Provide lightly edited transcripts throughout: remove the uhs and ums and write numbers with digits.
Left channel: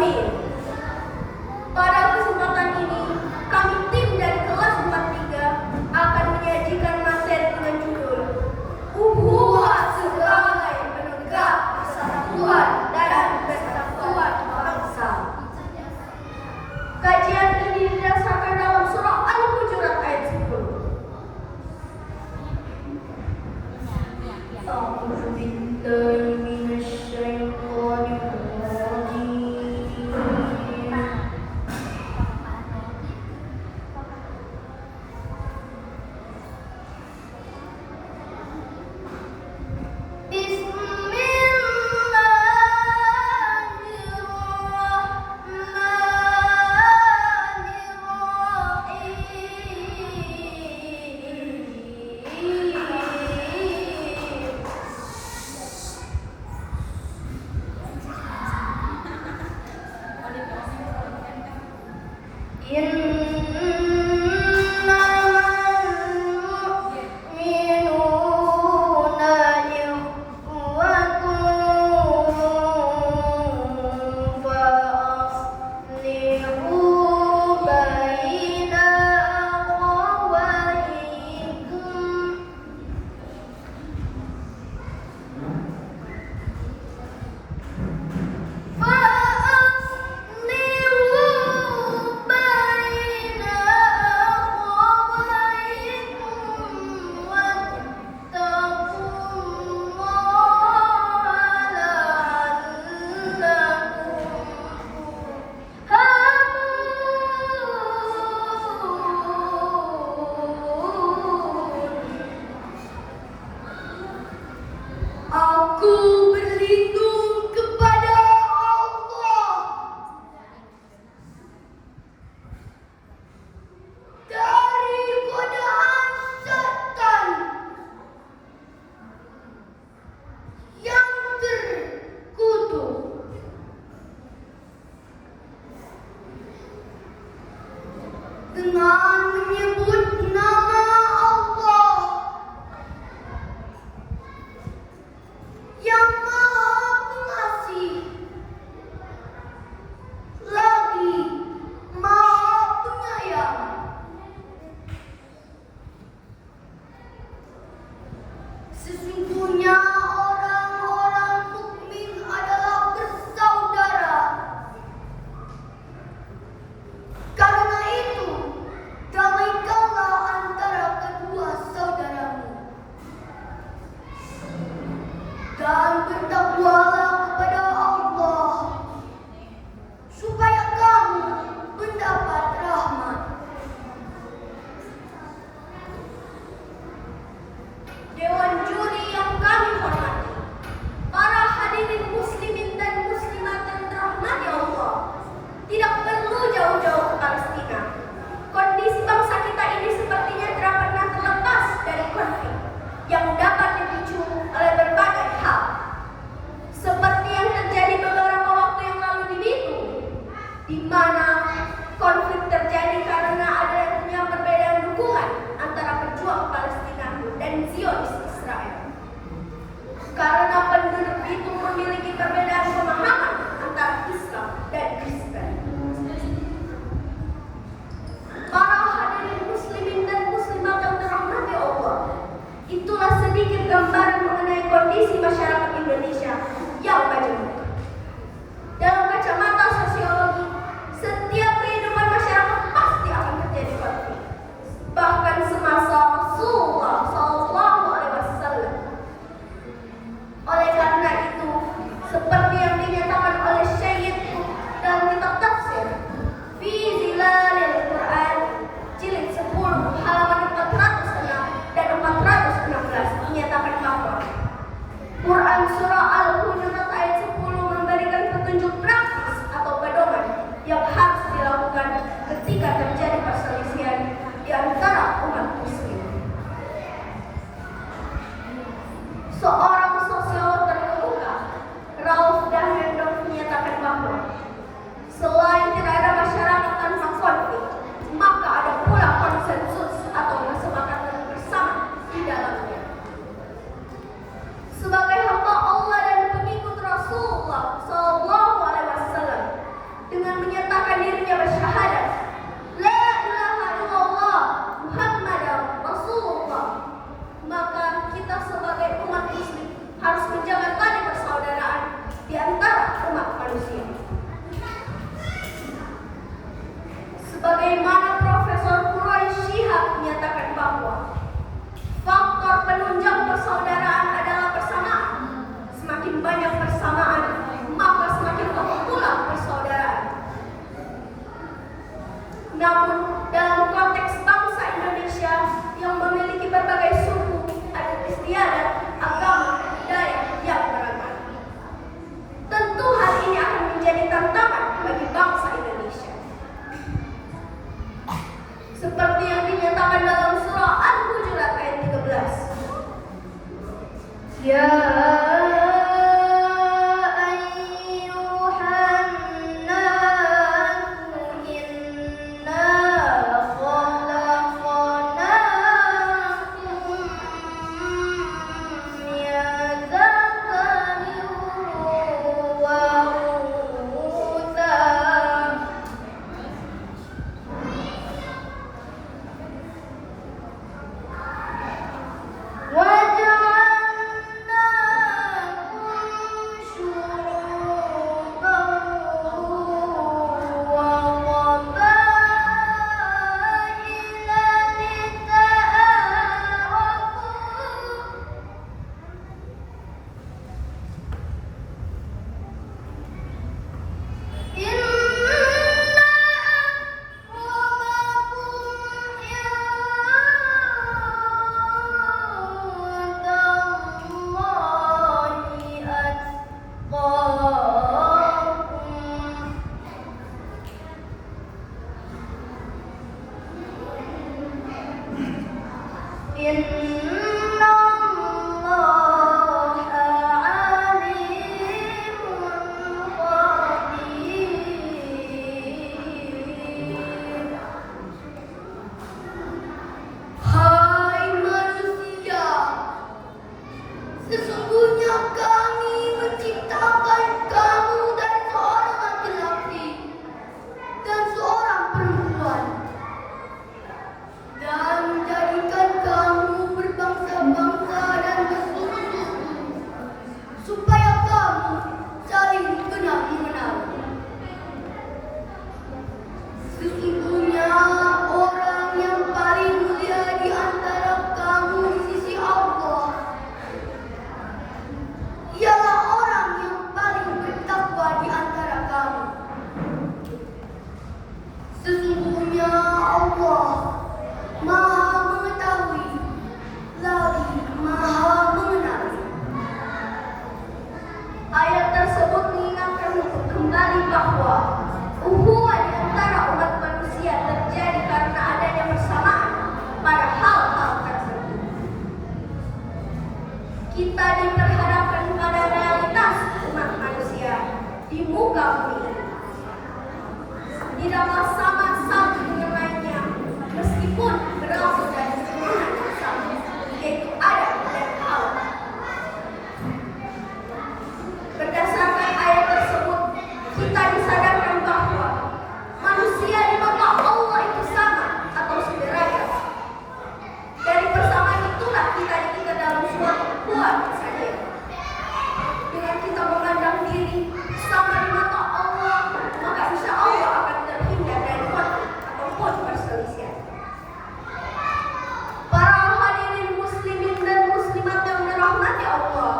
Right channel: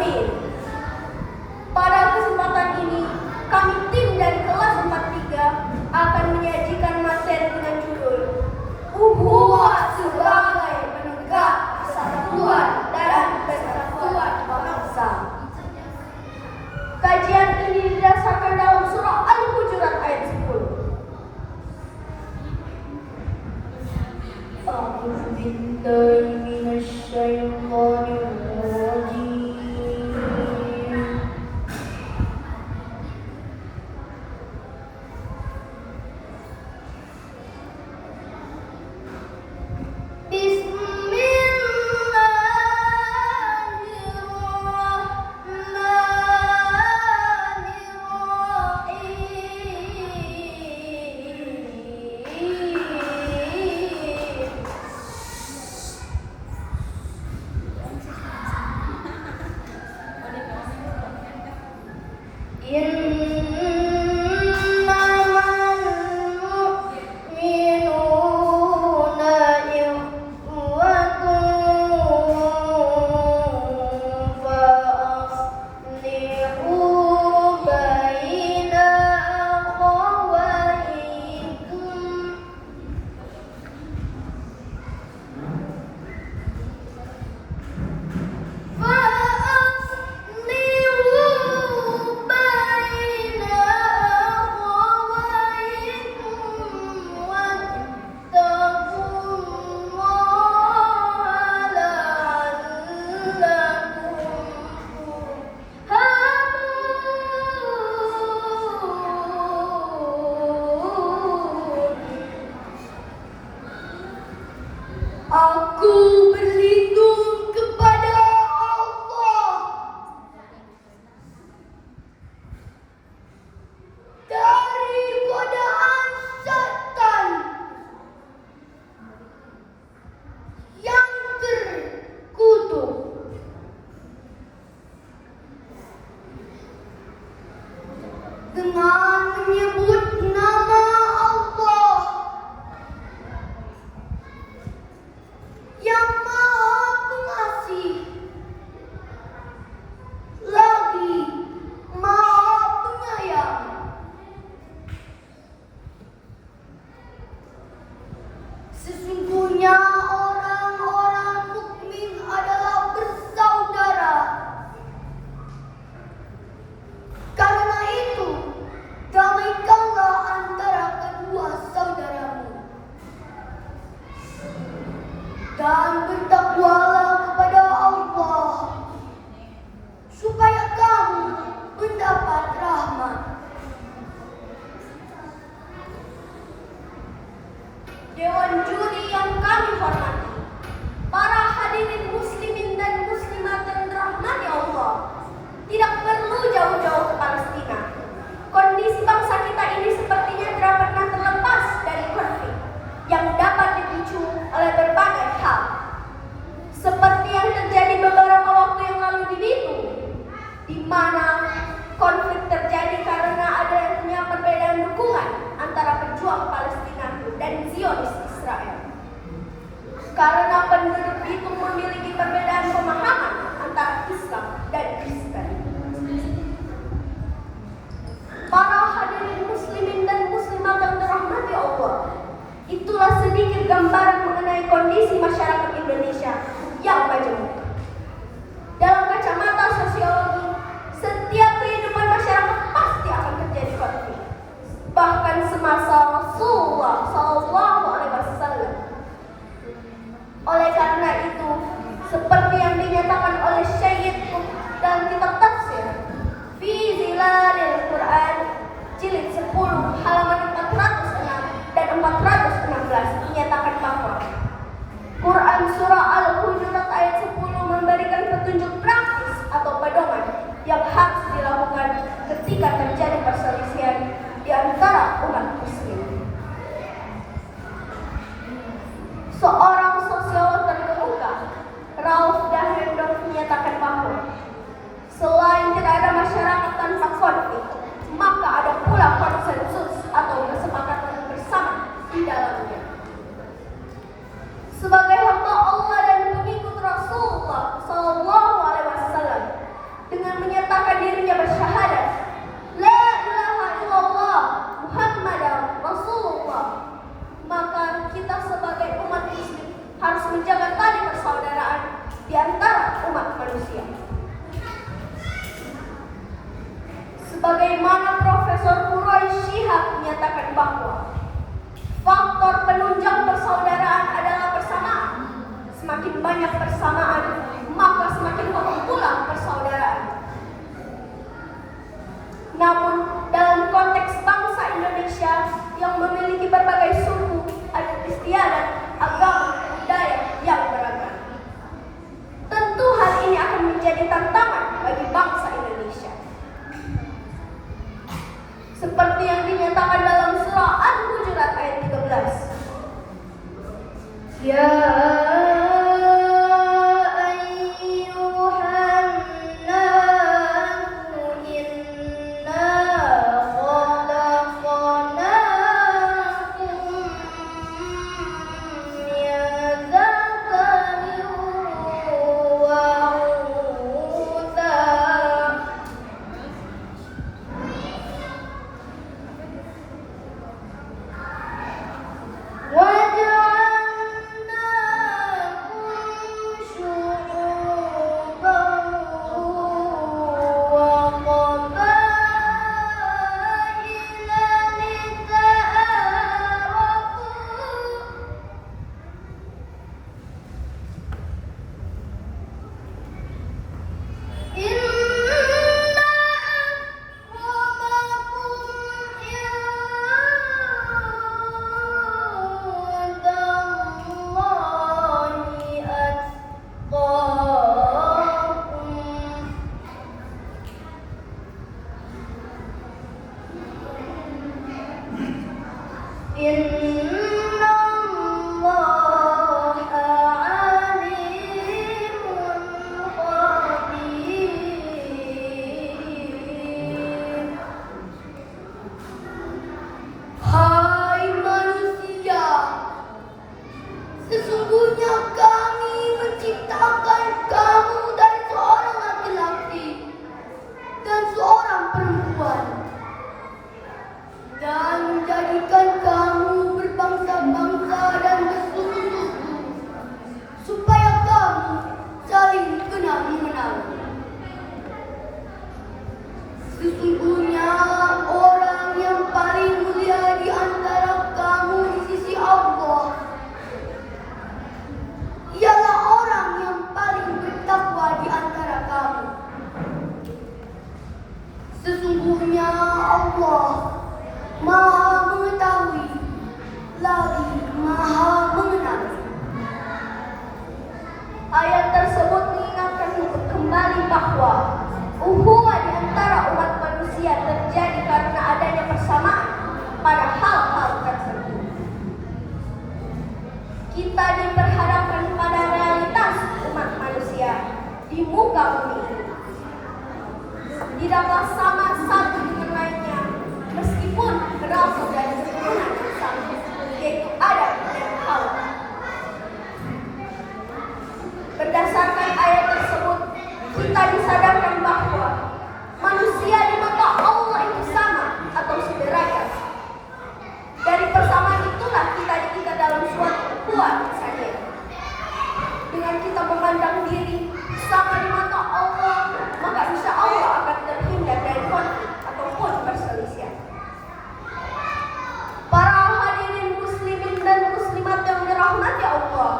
Amin. Pada kesempatan ini, kami tim dari kelas 43 akan menyajikan materi dengan judul Ukhuwah sebagai penegak persatuan dan persatuan bangsa. Kajian ini didasarkan dalam surah Al-Hujurat ayat 10. A'udzu billahi minasyaitonir rajim. Aku berlindung kepada Allah dari godaan setan yang terkutuk. Dengan menyebut nama Allah yang Maha Pengasih, lagi Maha Penyayang. Sesungguhnya orang-orang mukmin adalah bersaudara. Karena itu, damaikanlah antara kedua saudaramu dan bertakwalah kepada Allah supaya kamu mendapat rahmat. Dewan juri yang kami hormati, para hadirin muslimin dan muslimat yang dirahmati Allah, tidak perlu jauh-jauh ke Palestina. Kondisi bangsa kita ini sepertinya tidak pernah terlepas dari konflik yang dapat dipicu oleh berbagai hal. Seperti yang terjadi beberapa waktu yang lalu di Bitung, di mana konflik terjadi karena adanya perbedaan dukungan antara pejuang Palestina dan Zionis Israel. Karena penduduk Bitung memiliki perbedaan pemahaman antara Islam dan Kristen. Para hadirin muslimin dan muslimat yang dirahmati Allah, itulah sedikit gambaran mengenai kondisi masyarakat Indonesia yang majemuk. Dalam kacamata sosiologi, setiap kehidupan masyarakat pasti akan terjadi konflik. Bahkan semasa Rasulullah SAW. Oleh karena itu, seperti yang dinyatakan oleh Syekh dalam kitab tafsir Fi Zilalil Quran jilid 10 halaman 406 dan 416 dinyatakan bahwa Quran surah Al-Hujurat ayat 10 memberikan petunjuk praktis atau pedoman yang harus dilakukan ketika terjadi perselisihan di antara umat muslim. Seorang sosiolog terkemuka, Rauf Dahendorf, menyatakan bahwa selain tidak ada masyarakat tanpa konflik, maka ada pula konsensus atau kesepakatan bersama di dalamnya. Sebagai hamba Allah dan pengikut Rasulullah SAW, persaudaraan adalah persamaan. Semakin banyak persamaan, maka semakin kokoh pula persaudaraan. Namun, dalam konteks bangsa Indonesia yang memiliki berbagai suku, adat istiadat, agama, budaya yang beragam, tentu hal ini akan menjadi tantangan bagi bangsa Indonesia. Seperti yang dinyatakan dalam surah Al-Hujurat ayat 13. Ya sesungguhnya kami menciptakan kamu dari seorang laki-laki dan seorang perempuan, dan menjadikan kamu berbangsa-bangsa dan bersuku-suku, supaya kamu saling kenal-mengenal. Sesungguhnya orang yang paling mulia di antara kamu di sisi Allah ialah orang yang paling bertakwa di antara kamu. Sesungguhnya Allah Maha mengetahui lagi Maha mengenal. Ayat tersebut mengingatkan kembali bahwa ukhuwah di antara umat manusia terjadi karena adanya persamaan pada hal-hal tertentu. Kita diperhadapkan pada realitas umat manusia di muka bumi. Tidaklah sama satu dengan lainnya, meskipun berasal dari keturunan yang sama, yaitu Adam dan Hawa. Berdasarkan ayat tersebut, kita disadarkan bahwa manusia di mata Allah itu sama atau sederajat. Dari persamaan itulah kita diikat dalam suatu ukhuwah saja. Dengan kita memandang diri sama di mata Allah, maka insya Allah akan terhindar dari konflik ataupun perselisihan. Para hadirin muslimin dan muslimat yang dirahmati Allah,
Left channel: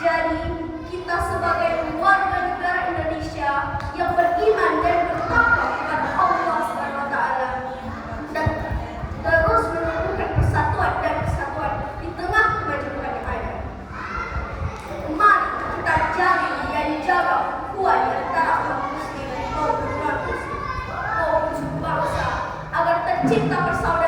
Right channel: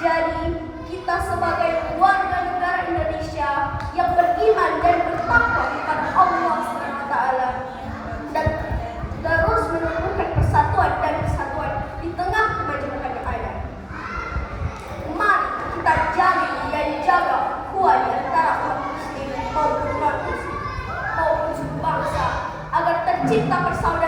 jadi kita sebagai warga negara Indonesia yang beriman dan bertakwa kepada Allah SWT dan terus menumbuhkan persatuan dan kesatuan di tengah kemajuan yang ada. Mari kita jalin dan jaga ukhuwah di antara umat muslim maupun non muslim, maupun bangsa, agar tercipta persaudaraan